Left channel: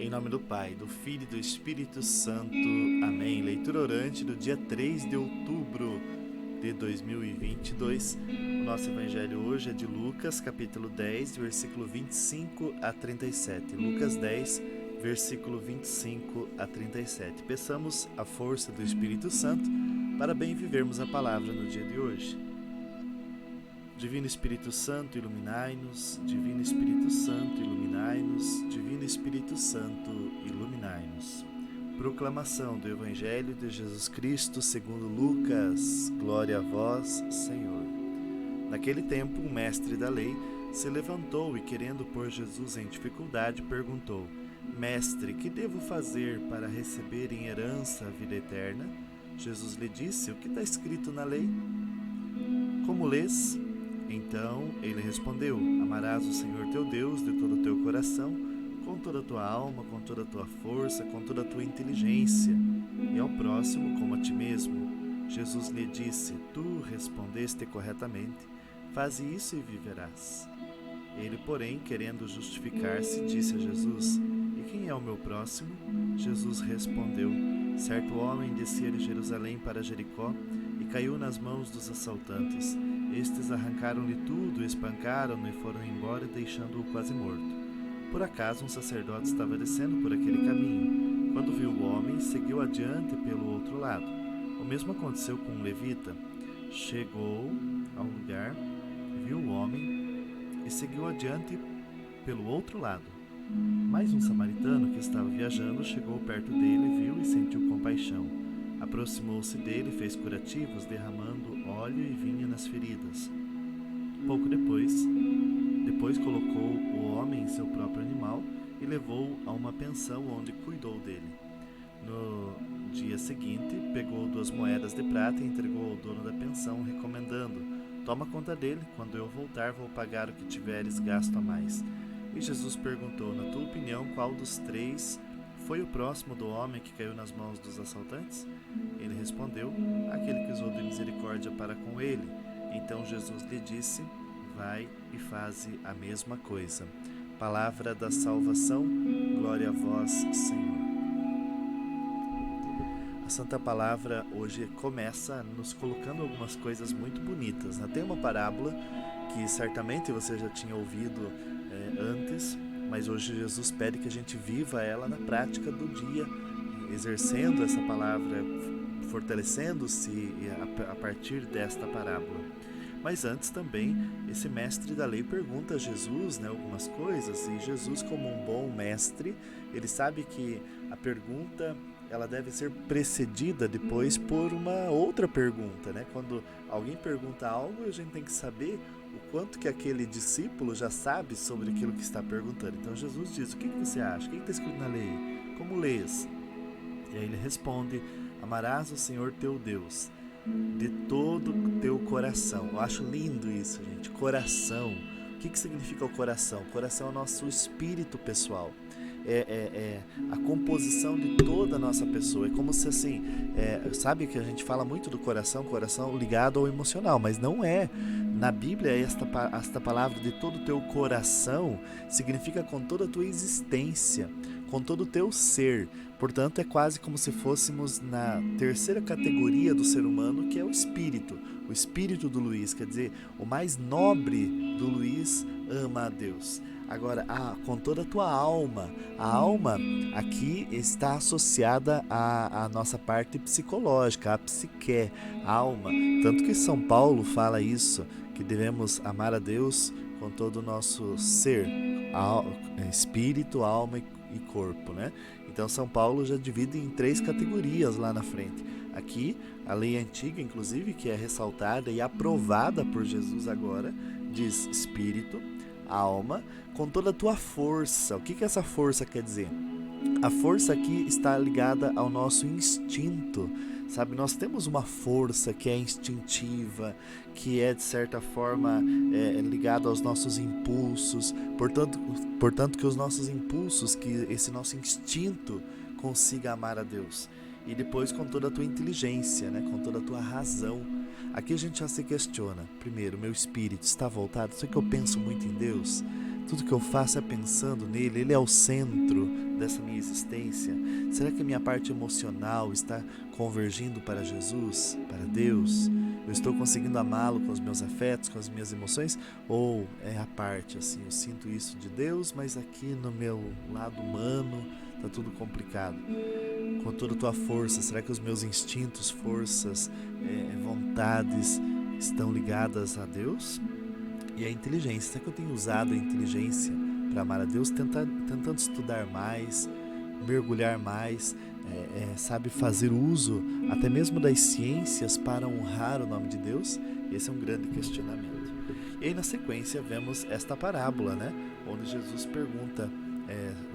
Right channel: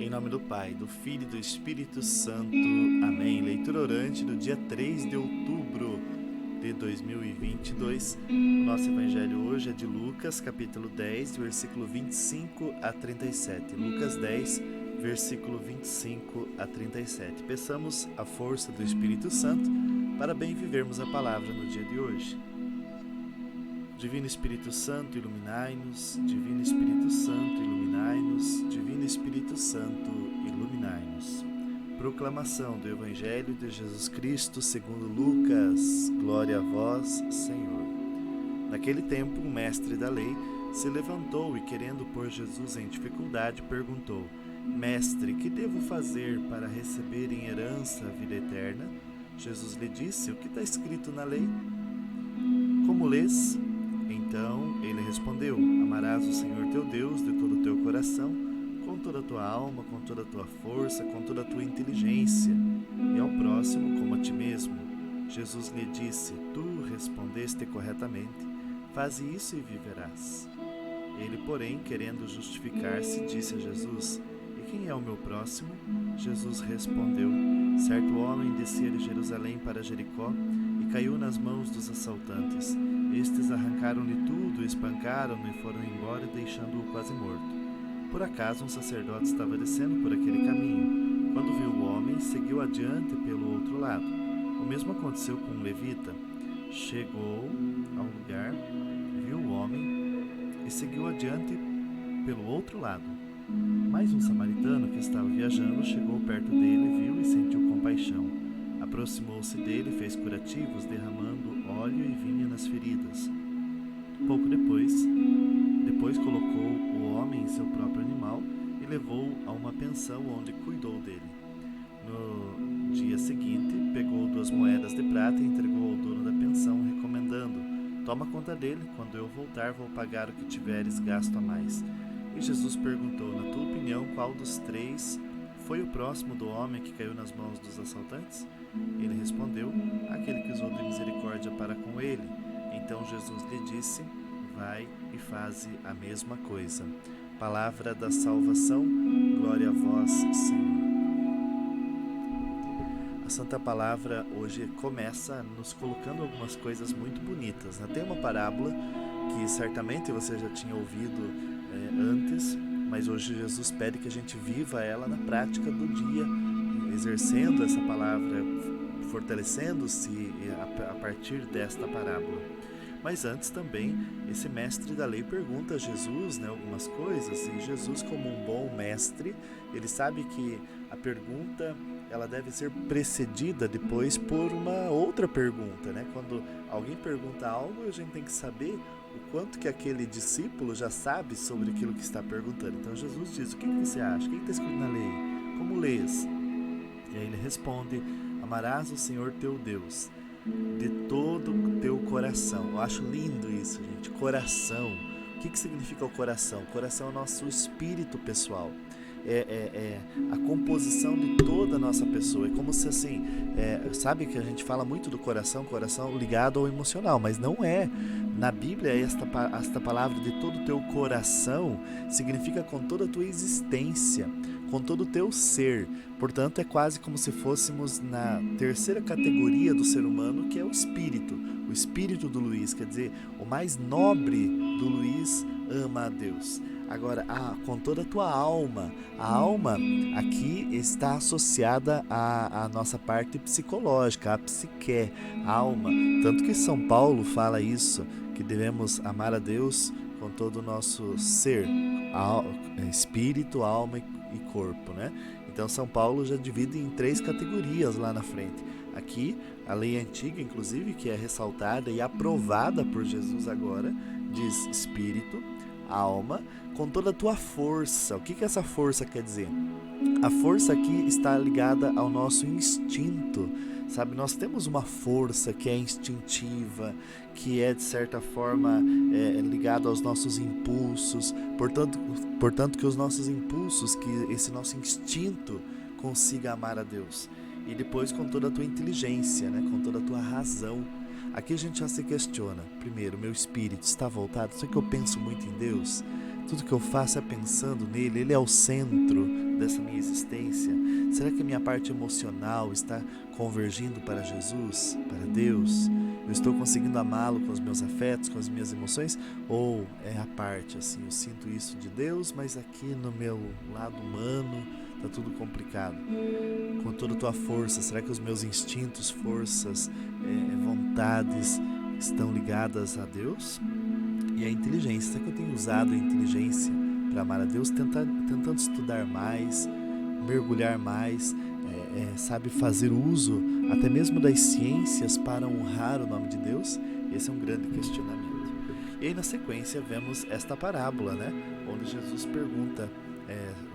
Em nome do Pai, do Filho e do Espírito Santo. Amém. Leitura orante do dia 3 de outubro de 2022. O nosso evangelho hoje é de Lucas, capítulo 10, versículo 25 a 37. Lucas 10, versículo 25 a 37. Peçamos a força do Espírito Santo para bem vivermos a palavra no dia de hoje. Divino Espírito Santo, iluminai-nos. Divino Espírito Santo, iluminai-nos. Divino Espírito Santo, iluminai-nos. Proclamação do Evangelho de Jesus Cristo segundo Lucas. Glória a vós, Senhor. Naquele tempo, um mestre da lei se levantou e, querendo pôr Jesus em dificuldade, perguntou: Mestre, que devo fazer para receber em herança a vida eterna? Jesus lhe disse: O que está escrito na lei? Como lês? Então ele respondeu: Amarás o Senhor teu Deus de todo o teu coração, com toda a tua alma, com toda a tua força, com toda a tua inteligência, e ao próximo como a ti mesmo. Jesus lhe disse: Tu respondeste corretamente, faze isso e viverás. Ele, porém, querendo justificar-se, disse a Jesus: E quem é o meu próximo? Jesus respondeu: Certo homem descia de Jerusalém para Jericó e caiu nas mãos dos assaltantes. Estes arrancaram-lhe tudo, espancaram-no e foram embora, deixando-o quase morto. Por acaso um sacerdote estava descendo por aquele caminho. Quando viu o homem, seguiu adiante pelo outro lado. O mesmo aconteceu com um levita. Chegou a um lugar, viu o homem e seguiu adiante pelo outro lado. Mas um samaritano que estava viajando chegou perto dele, viu e sentiu compaixão. Aproximou-se dele e fez curativos, derramando óleo e vinho nas feridas. Pouco depois colocou o homem em seu próprio animal e levou-o a uma pensão onde cuidou dele. No dia seguinte, pegou 2 moedas de prata e entregou ao dono da pensão, recomendando: Toma conta dele, quando eu voltar vou pagar o que tiveres gasto a mais. E Jesus perguntou: Na tua opinião, qual dos 3 foi o próximo do homem que caiu nas mãos dos assaltantes? Ele respondeu: Aquele que usou de misericórdia para com ele. Então Jesus lhe disse: Vai e faze a mesma coisa. Palavra da salvação, glória a vós, Senhor. A Santa Palavra hoje começa nos colocando algumas coisas muito bonitas, né? Tem uma parábola que certamente você já tinha ouvido antes, mas hoje Jesus pede que a gente viva ela na prática do dia, exercendo essa palavra, fortalecendo-se a partir desta parábola. Mas antes também, esse mestre da lei pergunta a Jesus, algumas coisas, e Jesus, como um bom mestre, ele sabe que a pergunta ela deve ser precedida depois por uma outra pergunta, Quando alguém pergunta algo, a gente tem que saber o quanto que aquele discípulo já sabe sobre aquilo que está perguntando. Então Jesus diz: o que você acha? O que está escrito na lei? Como lês? E aí ele responde: Amarás o Senhor teu Deus de todo o teu coração. Eu acho lindo isso, gente. Coração. O que significa o coração? O coração é o nosso espírito pessoal. É a composição de toda a nossa pessoa. É como se assim, sabe que a gente fala muito do coração ligado ao emocional, mas não é. Na Bíblia, esta palavra de todo o teu coração significa com toda a tua existência, com todo o teu ser. Portanto, é quase como se fôssemos na terceira categoria do ser humano, que é o espírito do Luiz, quer dizer, o mais nobre do Luiz ama a Deus. Agora, com toda a tua alma. A alma aqui está associada à nossa parte psicológica, à psique, a alma. Tanto que São Paulo fala isso, que devemos amar a Deus com todo o nosso ser, espírito, alma e corpo, Então São Paulo já divide em 3 categorias lá na frente. Aqui, a lei antiga, inclusive, que é ressaltada e aprovada por Jesus agora, diz espírito, alma, com toda a tua força. O que essa força quer dizer? A força aqui está ligada ao nosso instinto, sabe? Nós temos uma força que é instintiva, que é de certa forma ligada aos nossos impulsos, portanto que os nossos impulsos, que esse nosso instinto consiga amar a Deus. E depois com toda a tua inteligência, com toda a tua razão. Aqui a gente já se questiona. Primeiro, meu espírito está voltado? Será que eu penso muito em Deus? Tudo que eu faço é pensando nele, ele é o centro dessa minha existência? Será que a minha parte emocional está convergindo para Jesus, para Deus? Eu estou conseguindo amá-lo com os meus afetos, com as minhas emoções? Ou é a parte assim, eu sinto isso de Deus, mas aqui no meu lado humano está tudo complicado? Com toda a tua força, será que os meus instintos, forças, vontades estão ligadas a Deus? E a inteligência, será que eu tenho usado a inteligência para amar a Deus, tentando estudar mais, mergulhar mais, sabe, fazer uso até mesmo das ciências para honrar o nome de Deus? Esse é um grande questionamento. E aí na sequência vemos esta parábola, né, onde Jesus pergunta,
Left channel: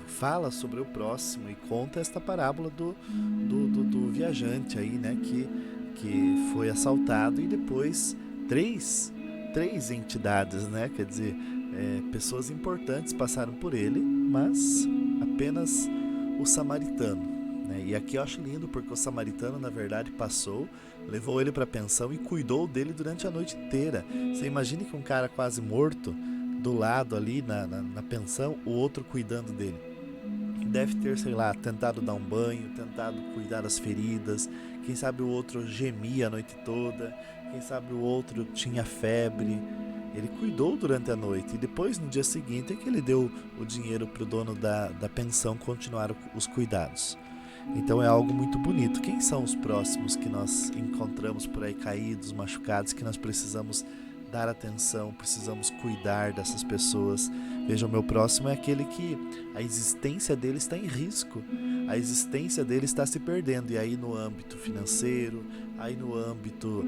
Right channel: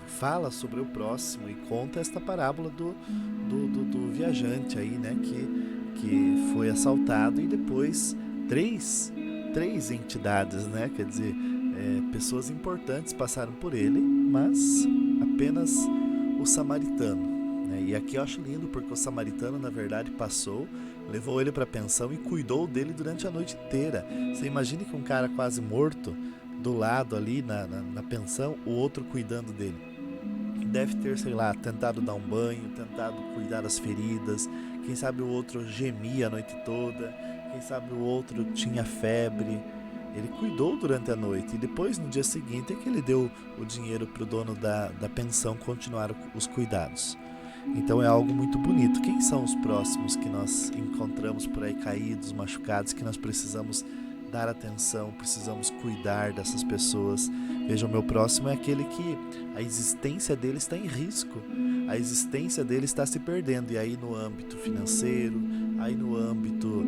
fala sobre o próximo e conta esta parábola do viajante aí, né, que foi assaltado e depois três entidades, né? Quer dizer, pessoas importantes passaram por ele, mas apenas o samaritano, né? E aqui eu acho lindo porque o samaritano, na verdade, passou, levou ele para a pensão e cuidou dele durante a noite inteira. Você imagine que um cara quase morto, do lado ali na pensão, o outro cuidando dele. Deve ter, sei lá, tentado dar um banho, tentado cuidar das feridas. Quem sabe o outro gemia a noite toda. Quem sabe o outro tinha febre. Ele cuidou durante a noite e depois, no dia seguinte, é que ele deu o dinheiro para o dono da pensão continuar os cuidados. Então é algo muito bonito. Quem são os próximos que nós encontramos por aí caídos, machucados, que nós precisamos dar atenção, precisamos cuidar dessas pessoas? Veja, o meu próximo é aquele que a existência dele está em risco, a existência dele está se perdendo, e aí no âmbito financeiro, aí no âmbito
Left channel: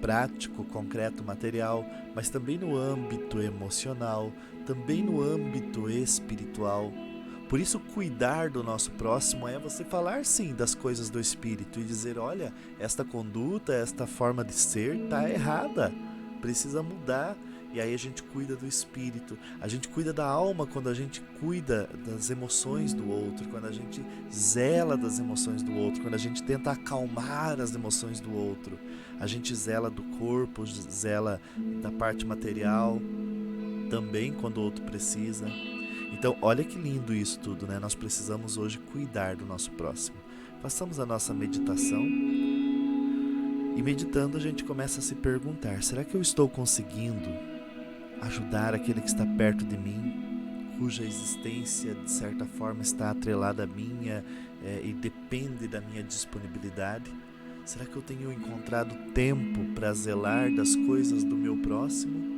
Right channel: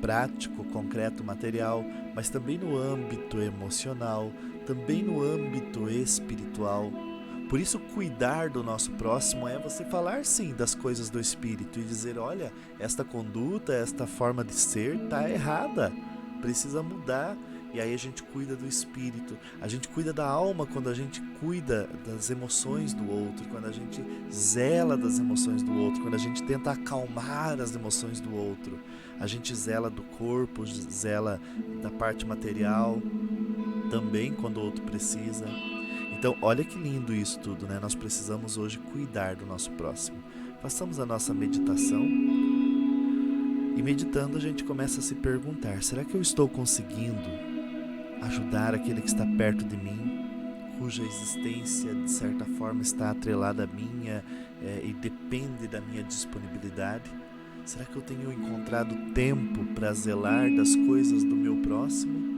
prático, concreto, material, mas também no âmbito emocional, também no âmbito espiritual. Por isso, cuidar do nosso próximo é você falar sim das coisas do Espírito e dizer, olha, esta conduta, esta forma de ser está errada, precisa mudar. E aí a gente cuida do Espírito, a gente cuida da alma quando a gente cuida das emoções do outro, quando a gente zela das emoções do outro, quando a gente tenta acalmar as emoções do outro. A gente zela do corpo, zela da parte material, também quando o outro precisa. Então, olha que lindo isso tudo, né? Nós precisamos hoje cuidar do nosso próximo. Façamos a nossa meditação. E meditando, a gente começa a se perguntar, será que eu estou conseguindo ajudar aquele que está perto de mim, cuja existência, de certa forma, está atrelada à minha e depende da minha disponibilidade? Será que eu tenho encontrado tempo para zelar das coisas do meu próximo?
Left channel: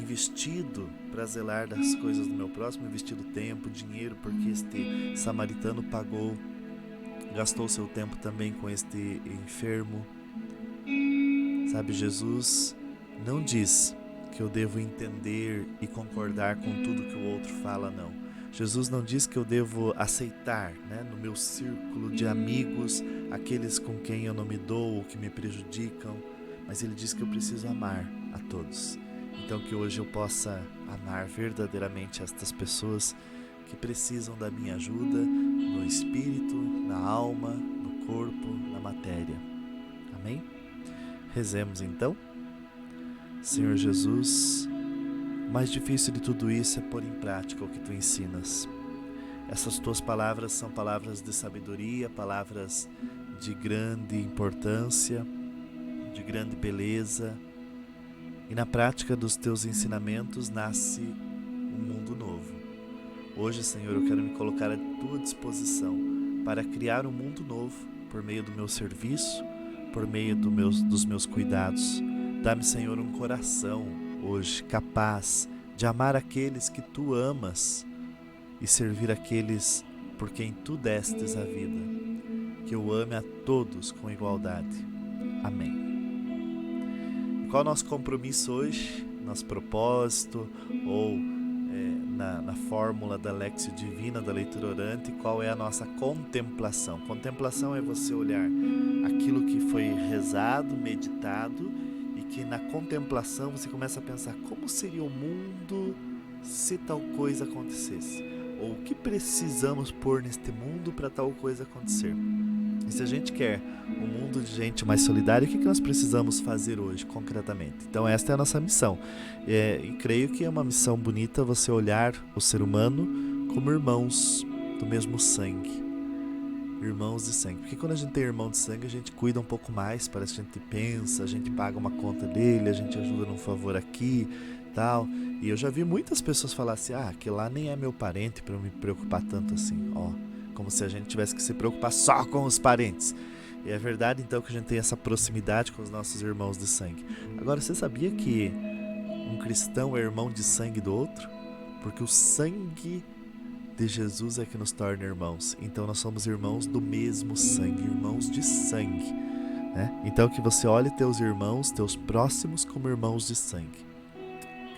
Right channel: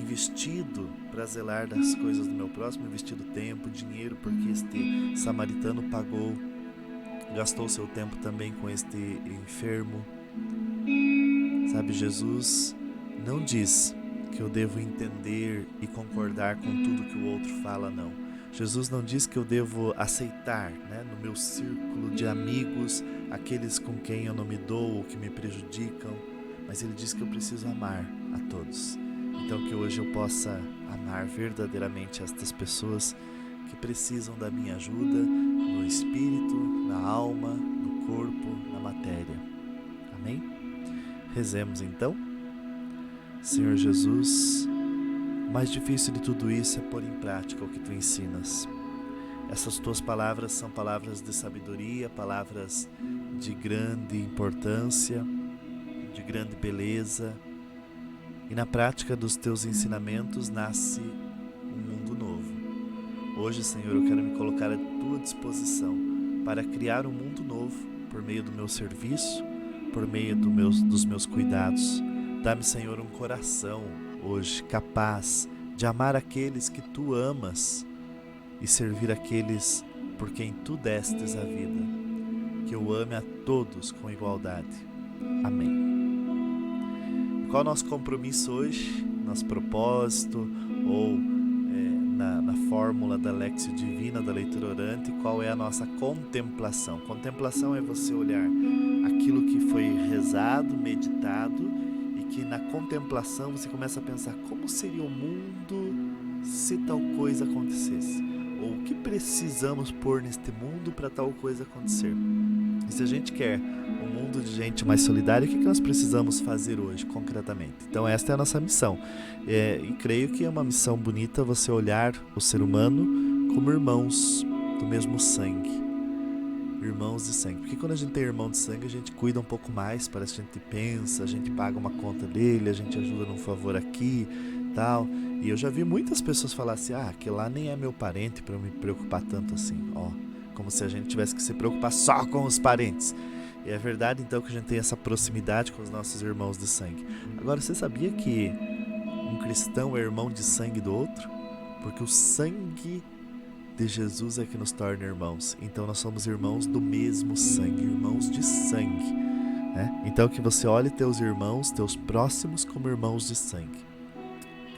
Investido para zelar das coisas do meu próximo, investido tempo, dinheiro, porque este samaritano pagou, gastou seu tempo também com este enfermo. Sabe, Jesus não diz que eu devo entender e concordar com tudo que o outro fala, não. Jesus não diz que eu devo aceitar, né, no meu círculo de amigos, aqueles com quem eu não me dou ou que me prejudicam, mas ele diz que eu preciso amar a todos. Então que hoje eu possa amar verdadeiramente estas pessoas que precisam da minha ajuda no espírito, na alma, no corpo, na matéria. Amém? Rezemos então. Senhor Jesus, o mais difícil de tudo isso é pôr em prática o que Tu ensinas. Essas Tuas palavras são palavras de sabedoria, palavras de grande importância, de grande beleza. E na prática dos Teus ensinamentos nasce um mundo novo. Hoje, Senhor, eu quero me colocar à Tua disposição para criar um mundo novo por meio do meu serviço, por meio dos meus cuidados. Dá-me, Senhor, um coração hoje capaz de amar aqueles que Tu amas e servir aqueles por quem Tu destes a vida. Que eu ame a todos com igualdade. Amém. Qual é o nosso compromisso hoje, nosso propósito ou na fórmula da Lexio Divina, da leitura orante, qual é a nossa contemplação? Contemplação é você olhar aquilo que foi rezado, meditado e que na contemplação você começa a pensar como seria o mundo se tal coisa acontecesse? Ou o que precisamos pôr neste mundo para tal coisa acontecer? E se a gente quer um mundo de gente mais solidária, o que nós precisamos fazer hoje, concretamente? Então esta é a nossa missão. E creio que é uma missão bonita você olhar o ser humano como irmãos do mesmo sangue. Irmãos de sangue. Porque quando a gente tem irmão de sangue, a gente cuida um pouco mais, parece que a gente pensa, a gente paga uma conta dele, a gente ajuda num favor aqui, tal. E eu já vi muitas pessoas falar assim, aquele lá nem é meu parente para eu me preocupar tanto assim, como se a gente tivesse que se preocupar só com os parentes. E é verdade então que a gente tem essa proximidade com os nossos irmãos de sangue. Agora, você sabia que um cristão é irmão de sangue do outro? Porque o sangue de Jesus é que nos torna irmãos. Então nós somos irmãos do mesmo sangue, irmãos de sangue, né? Então que você olhe teus irmãos, teus próximos como irmãos de sangue.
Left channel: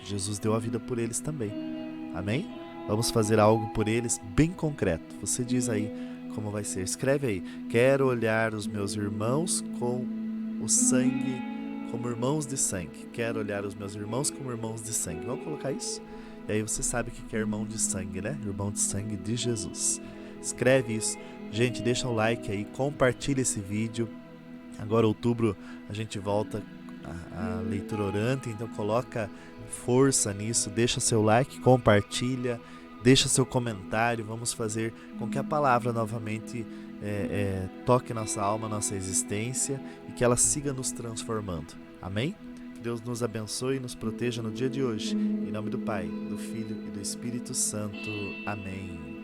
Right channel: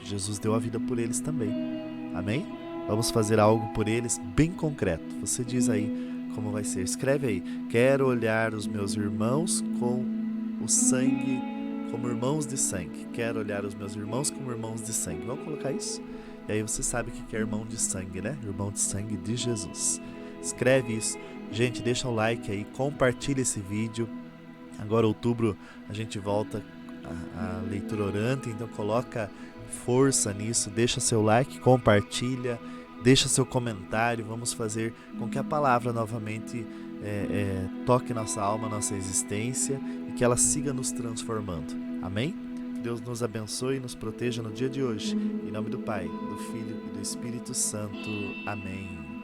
Jesus deu a vida por eles também. Amém? Vamos fazer algo por eles bem concreto. Você diz aí como vai ser. Escreve aí. Quero olhar os meus irmãos com o sangue, como irmãos de sangue. Quero olhar os meus irmãos como irmãos de sangue. Vamos colocar isso? E aí você sabe o que é irmão de sangue, né? Irmão de sangue de Jesus. Escreve isso. Gente, deixa o like aí, compartilha esse vídeo. Agora, outubro, a gente volta a leitura orante, então coloca força nisso, deixa seu like, compartilha, deixa seu comentário. Vamos fazer com que a palavra novamente toque nossa alma, nossa existência e que ela siga nos transformando. Amém? Deus nos abençoe e nos proteja no dia de hoje. Em nome do Pai, do Filho e do Espírito Santo. Amém.